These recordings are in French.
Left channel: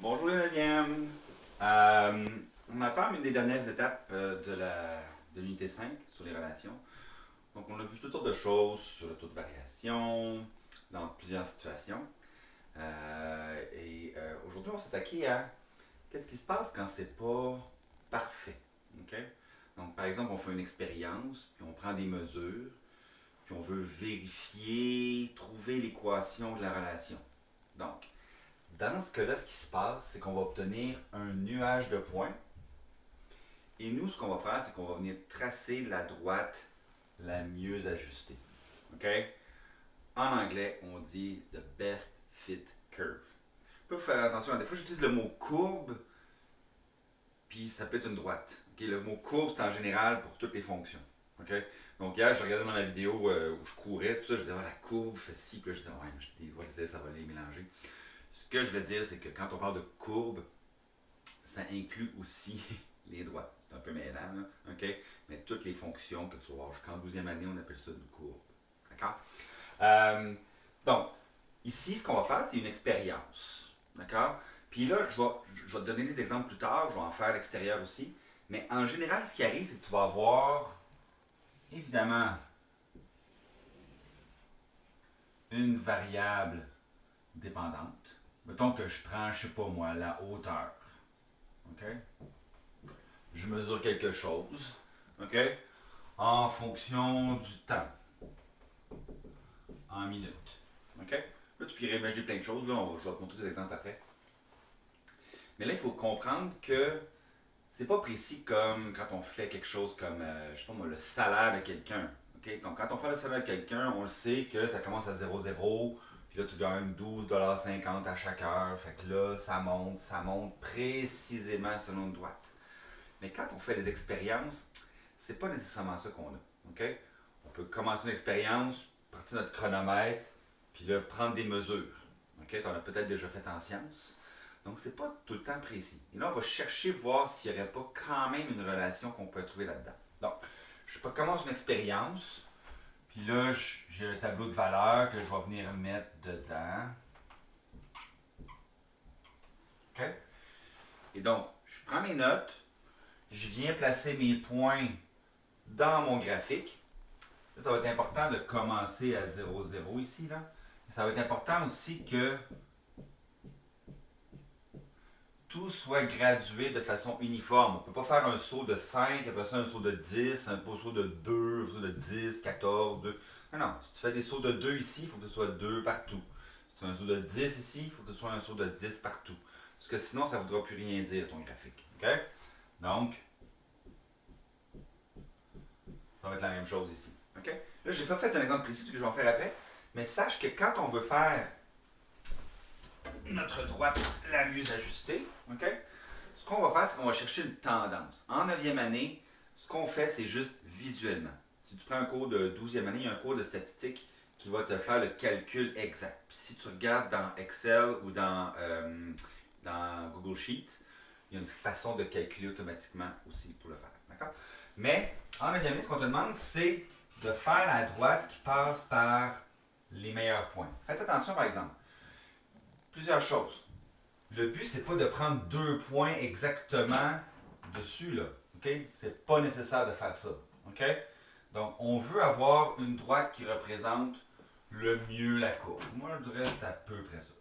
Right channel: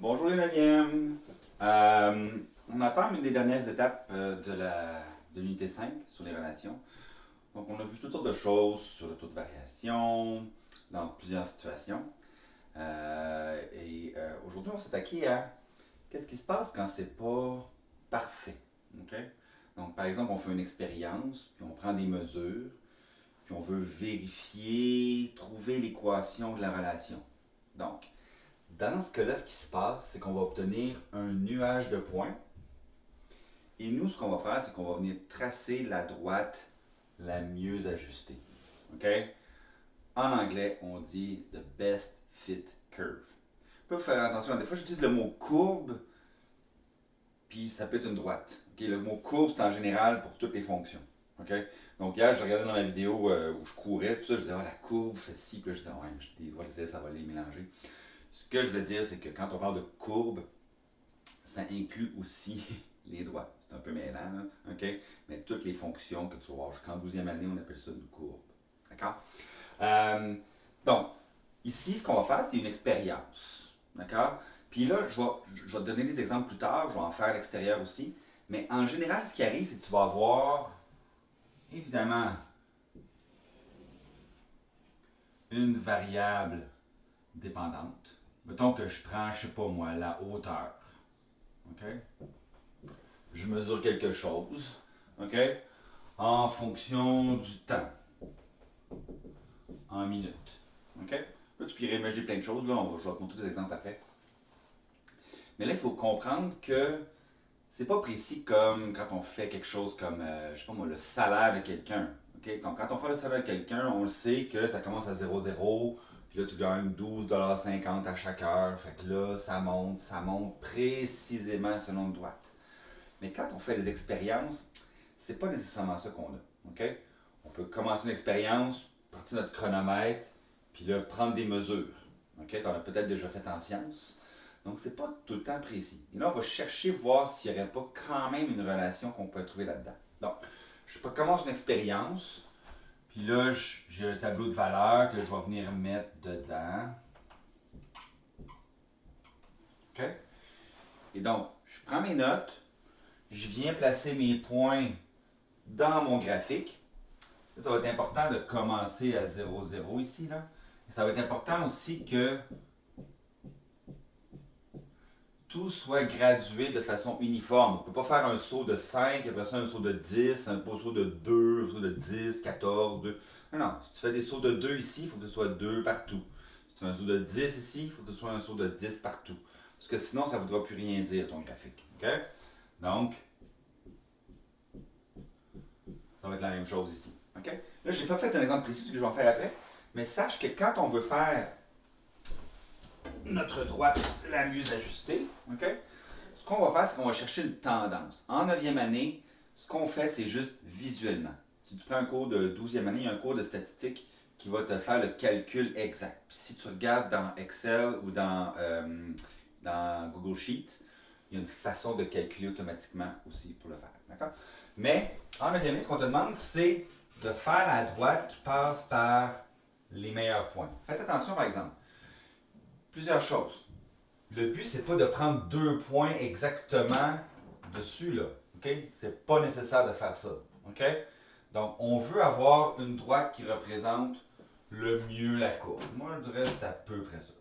Bonjour les 9e. On attend une des dernières étapes de l'unité 5 sur les relations. Donc on a vu toutes sortes de choses sur le taux de variation dans plusieurs situations. Aujourd'hui on va s'attaquer à qu'est-ce qui se passe quand c'est pas parfait. OK? Donc par exemple on fait une expérience, puis on prend des mesures, puis on veut vérifier, trouver l'équation de la relation. Donc dans ce cas-là, ce qui se passe, c'est qu'on va obtenir un nuage de points. Et nous, ce qu'on va faire, c'est qu'on va venir tracer la droite la mieux ajustée. OK? En anglais, on dit the best fit curve. Il faut faire attention. Des fois, j'utilise le mot courbe, puis ça peut être une droite. OK? Le mot courbe, c'est en général pour toutes les fonctions. OK? Donc, hier, je regardais dans ma vidéo où je courais, tout ça, je disais, la courbe fait ci, puis là, je disais, ouais, mais je dois les ça va les mélanger. Ce que je veux dire, c'est que quand on parle de courbe, ça inclut aussi les droites. C'est un peu mêlant, là, OK? Mais toutes les fonctions que tu vas voir jusqu'en 12e année, on appelle ça une courbe. D'accord? Euh, donc, ici, ce qu'on va faire, c'est une expérience. D'accord? Puis là, je vais te donner des exemples plus tard, je vais en faire à l'extérieur aussi. Mais en général, ce qui arrive, c'est que tu vas avoir, évidemment, une variable dépendante. Mettons que je prends, je sais pas moi, la hauteur. OK? Je mesure quelque chose, OK? En fonction du temps, en minutes. OK? Là, tu peux imaginer plein de choses. Là, je vais te montrer des exemples après. Mais là, il faut comprendre que c'est pas précis comme quand on fait quelque chose comme, je sais pas moi, le salaire de quelqu'un. OK? Donc, quand on fait le salaire de quelqu'un, on le sait que ça commence à 0,0. Puis là, tu gagnes 12,50$ à chaque heure. Fait que là, ça monte précisément selon une droite. Mais quand on fait des expériences, c'est pas nécessairement ça qu'on a. OK? On peut commencer une expérience, partir notre chronomètre, puis là, prendre des mesures. OK? Tu en as peut-être déjà fait en sciences. Donc, c'est pas tout le temps précis. Et là, on va chercher, voir s'il n'y aurait pas quand même une relation qu'on peut trouver là-dedans. Donc, je commence une expérience, puis là, j'ai un tableau de valeurs que je vais venir mettre dedans. OK? Et donc, je prends mes notes, je viens placer mes points dans mon graphique. Ça va être important de commencer à 0,0 ici. Là. Et ça va être important aussi que tout soit gradué de façon uniforme. On ne peut pas faire un saut de 5, après ça un saut de 10, un saut de 2, un saut de 10, 14, 2. Non, non. Si tu fais des sauts de 2 ici, il faut que ce soit 2 partout. Si tu fais un saut de 10 ici, il faut que ce soit un saut de 10 partout. Parce que sinon, ça ne voudra plus rien dire, ton graphique. OK? Donc, ça va être la même chose ici. OK? Là, j'ai pas fait un exemple précis que je vais en faire après, mais sache que quand on veut faire notre droite la mieux ajustée, OK? Ce qu'on va faire, c'est qu'on va chercher une tendance. En 9e année, ce qu'on fait, c'est juste visuellement. Si tu prends un cours de 12e année, il y a un cours de statistique qui va te faire le calcul exact. Puis si tu regardes dans Excel ou dans Google Sheets, il y a une façon de calculer automatiquement aussi pour le faire. D'accord? Mais en 9e année, ce qu'on te demande, c'est de faire la droite qui passe par les meilleurs points. Faites attention, par exemple. Plusieurs choses. Le but, c'est pas de prendre 2 points exactement dessus, là. OK? C'est pas nécessaire de faire ça. OK? Donc, on veut avoir une droite qui représente le mieux la courbe. Moi, je dirais c'est à peu près ça.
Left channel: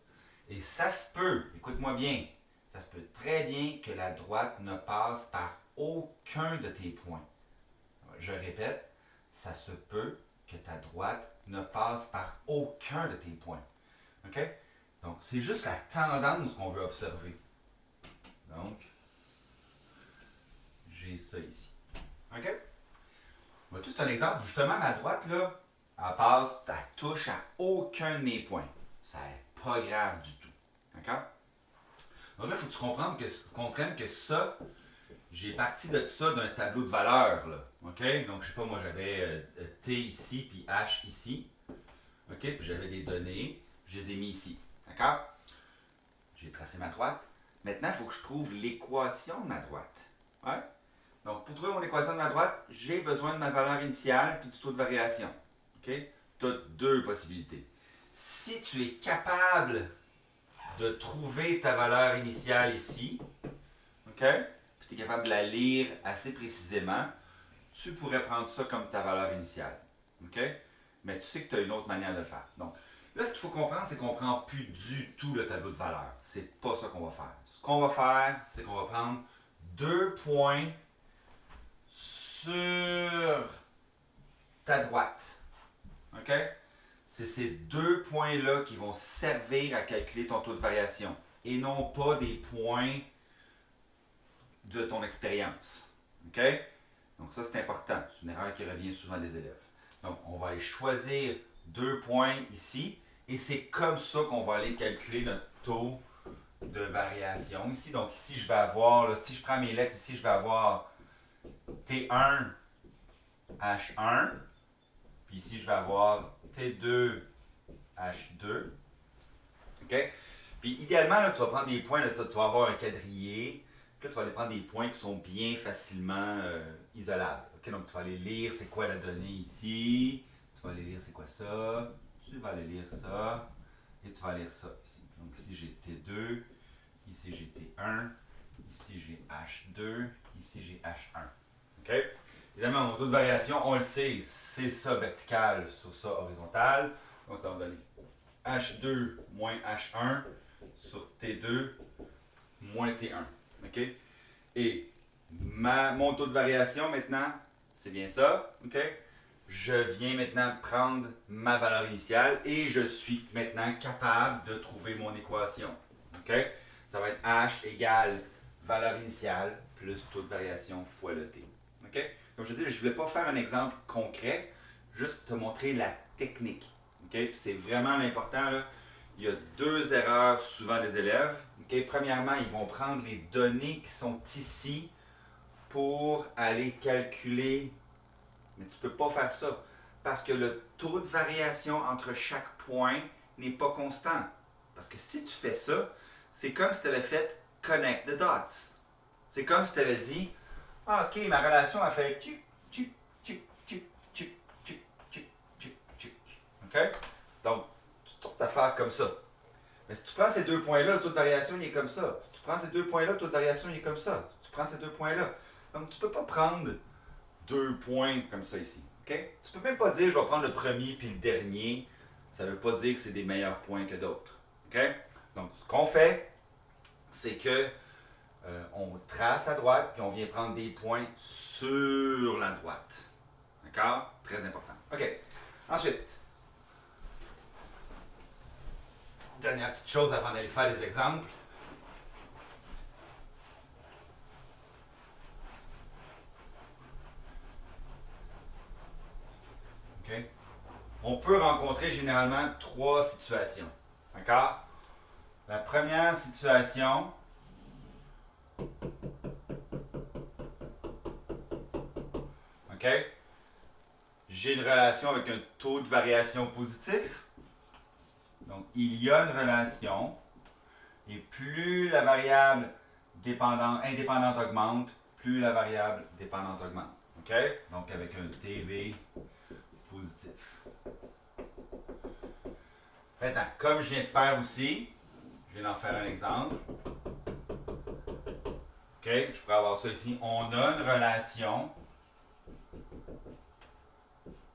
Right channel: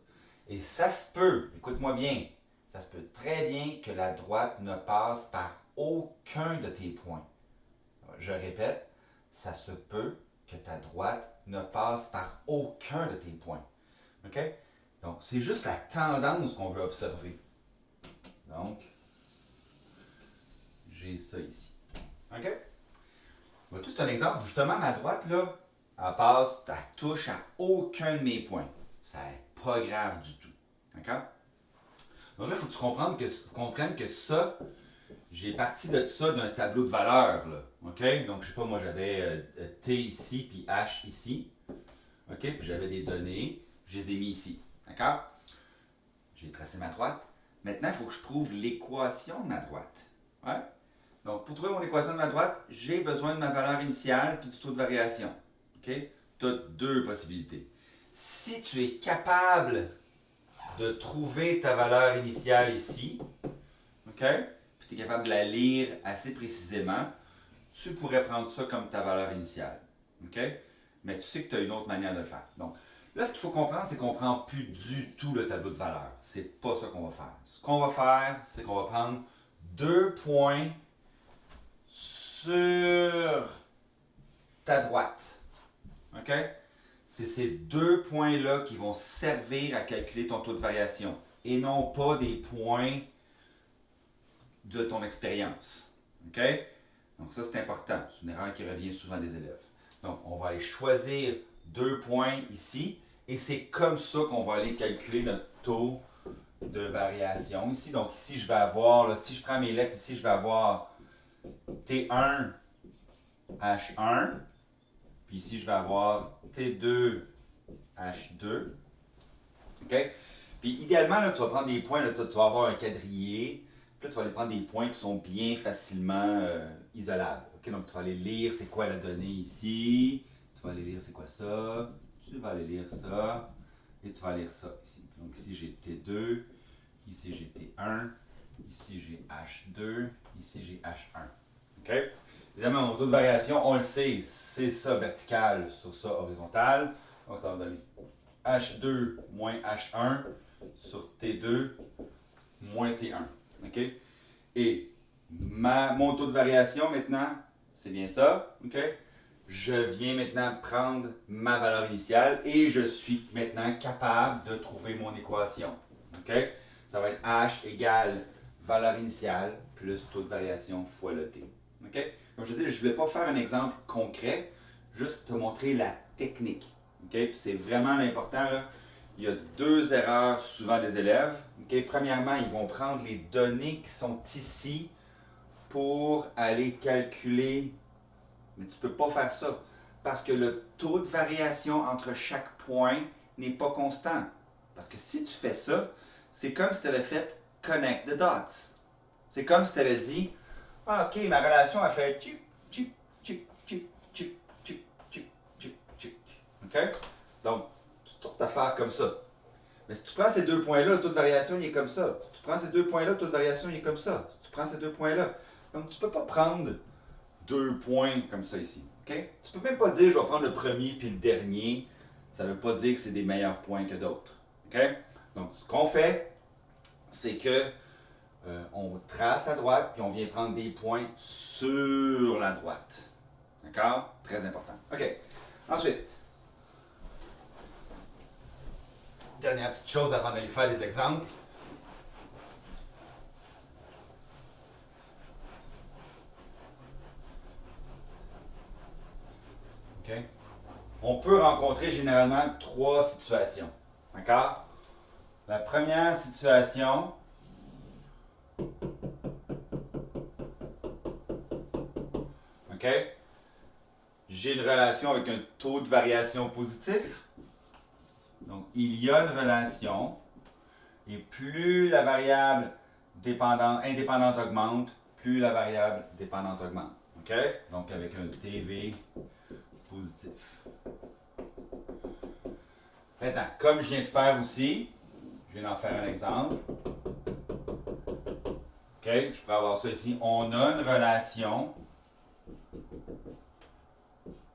Et ça se peut, écoute-moi bien, ça se peut très bien que la droite ne passe par aucun de tes points. Je répète, ça se peut que ta droite ne passe par aucun de tes points. OK? Donc, c'est juste la tendance qu'on veut observer. Donc, j'ai ça ici. OK? Tout c'est un exemple. Justement, ma droite, là, elle touche à aucun de mes points. Ça n'est pas grave du tout. D'accord? Donc là, il faut que tu comprennes que ça, j'ai parti de ça d'un tableau de valeurs. Là. OK? Donc, je sais pas, moi, j'avais T ici, puis H ici. OK? Puis j'avais des données, je les ai mis ici. D'accord? J'ai tracé ma droite. Maintenant, il faut que je trouve l'équation de ma droite. Ouais? Donc, pour trouver mon équation de ma droite, j'ai besoin de ma valeur initiale puis du taux de variation. OK? Tu as deux possibilités. Si tu es capable de trouver ta valeur initiale ici, OK? Puis tu es capable de la lire assez précisément, tu pourrais prendre ça comme ta valeur initiale, OK? Mais tu sais que tu as une autre manière de le faire. Donc, là, ce qu'il faut comprendre, c'est qu'on ne prend plus du tout le tableau de valeur. C'est pas ça qu'on va faire. Ce qu'on va faire, c'est qu'on va prendre 2 points sur ta droite. OK? C'est ces 2 points-là qui vont servir à calculer ton taux de variation et non pas des points de ton expérience. OK? Donc ça, c'est important. C'est une erreur qui revient souvent des élèves. Donc, on va aller choisir 2 points ici et c'est comme ça qu'on va aller calculer notre taux de variation ici. Donc ici, je vais avoir, là, si je prends mes lettres ici, je vais avoir T1, H1. Puis ici, je vais avoir T2, H2. OK? Puis idéalement, là, tu vas prendre des points, là, tu vas avoir un quadrillé. Puis là, tu vas aller prendre des points qui sont bien facilement isolables. OK? Donc, tu vas aller lire c'est quoi la donnée ici. Tu vas aller lire c'est quoi ça. Tu vas aller lire ça. Et tu vas lire ça ici. Donc ici, j'ai T2. Ici, j'ai T1. Ici, j'ai H2. Ici, j'ai H1. OK? Évidemment, mon taux de variation, on le sait, c'est ça vertical sur ça horizontal. Donc, ça va donner H2 moins H1 sur T2 moins T1. OK? Et mon taux de variation maintenant, c'est bien ça. OK? Je viens maintenant prendre ma valeur initiale et je suis maintenant capable de trouver mon équation. OK? Ça va être H égale valeur initiale plus taux de variation fois le T. OK? Comme je dis, je ne voulais pas faire un exemple concret, juste te montrer la technique. Okay? Puis c'est vraiment l'important. Là. Il y a 2 erreurs souvent des élèves. Okay? Premièrement, ils vont prendre les données qui sont ici pour aller calculer. Mais tu ne peux pas faire ça parce que le taux de variation entre chaque point n'est pas constant. Parce que si tu fais ça, c'est comme si tu avais fait connect the dots. C'est comme si tu avais dit ah, ok, ma relation a fait tchic, tchic, tchic, tchic, tchic, tchic, tchic, tchic, tchic. OK? Donc, toutes sortes d'affaires comme ça. Mais si tu prends ces 2 points-là, le taux de variation, il est comme ça. Si tu prends ces 2 points-là, le taux de variation, il est comme ça. Si tu prends ces 2 points-là. Donc, tu ne peux pas prendre 2 points comme ça ici. OK? Tu ne peux même pas dire, je vais prendre le premier puis le dernier. Ça ne veut pas dire que c'est des meilleurs points que d'autres. OK? Donc, ce qu'on fait, c'est que on trace la droite, puis on vient prendre des points sur la droite. D'accord? Très important. OK. Ensuite, dernière petite chose avant d'aller faire des exemples. OK? On peut rencontrer généralement 3 situations. D'accord? La première situation, OK? J'ai une relation avec un taux de variation positif. Donc, il y a une relation. Et plus la variable indépendante augmente, plus la variable dépendante augmente. OK? Donc, avec un TV positif. Maintenant, comme je viens de faire aussi, je viens d'en faire un exemple. OK? Je pourrais avoir ça ici. On a une relation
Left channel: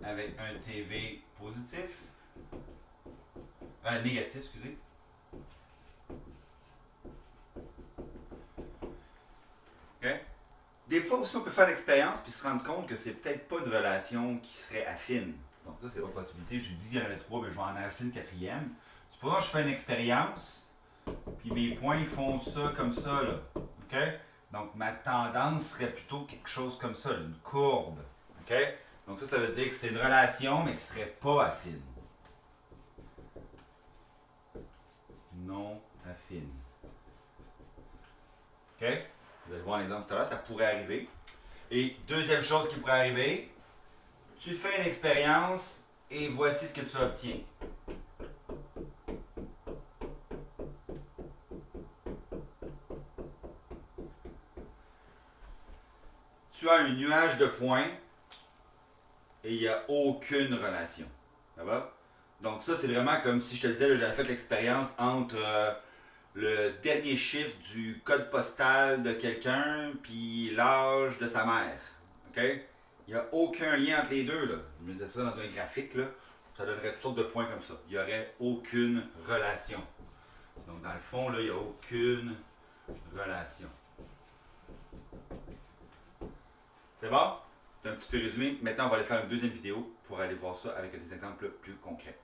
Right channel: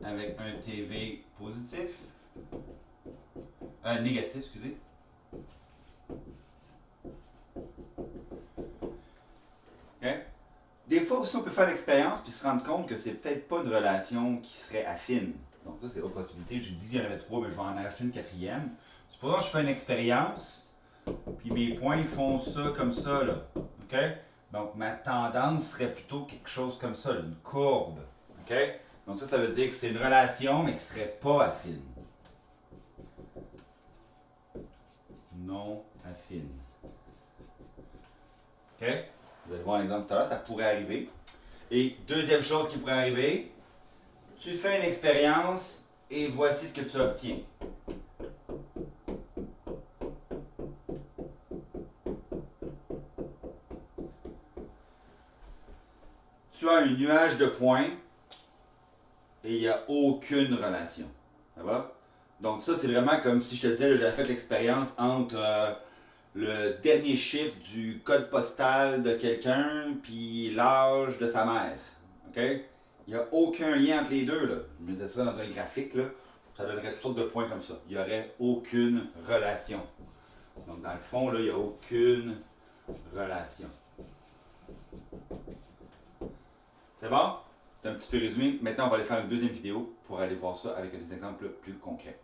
avec un TV positif. Négatif, excusez. OK? Des fois aussi, on peut faire l'expérience puis se rendre compte que c'est peut-être pas une relation qui serait affine. Donc ça, c'est l'autre possibilité. J'ai dit qu'il y en avait 3, mais je vais en acheter une 4e. Supposons que je fais une expérience, puis mes points ils font ça comme ça, là. OK? Donc ma tendance serait plutôt quelque chose comme ça, là, une courbe. OK? Donc ça veut dire que c'est une relation, mais qui ne serait pas affine. Non affine. OK? Vous allez voir un exemple tout à l'heure, ça pourrait arriver. Et deuxième chose qui pourrait arriver, tu fais une expérience et voici ce que tu obtiens. Tu as un nuage de points et il n'y a aucune relation. Ça va? Donc ça, c'est vraiment comme si je te disais, j'avais fait l'expérience entre le dernier chiffre du code postal de quelqu'un, puis l'âge de sa mère. OK? Il n'y a aucun lien entre les deux. Là. Je mettais ça dans un graphique, là, ça donnerait toutes sortes de points comme ça. Il n'y aurait aucune relation. Donc, dans le fond, là, il n'y a aucune relation. C'est bon? C'est un petit peu résumé. Maintenant, on va aller faire une deuxième vidéo pour aller voir ça avec des exemples plus concrets.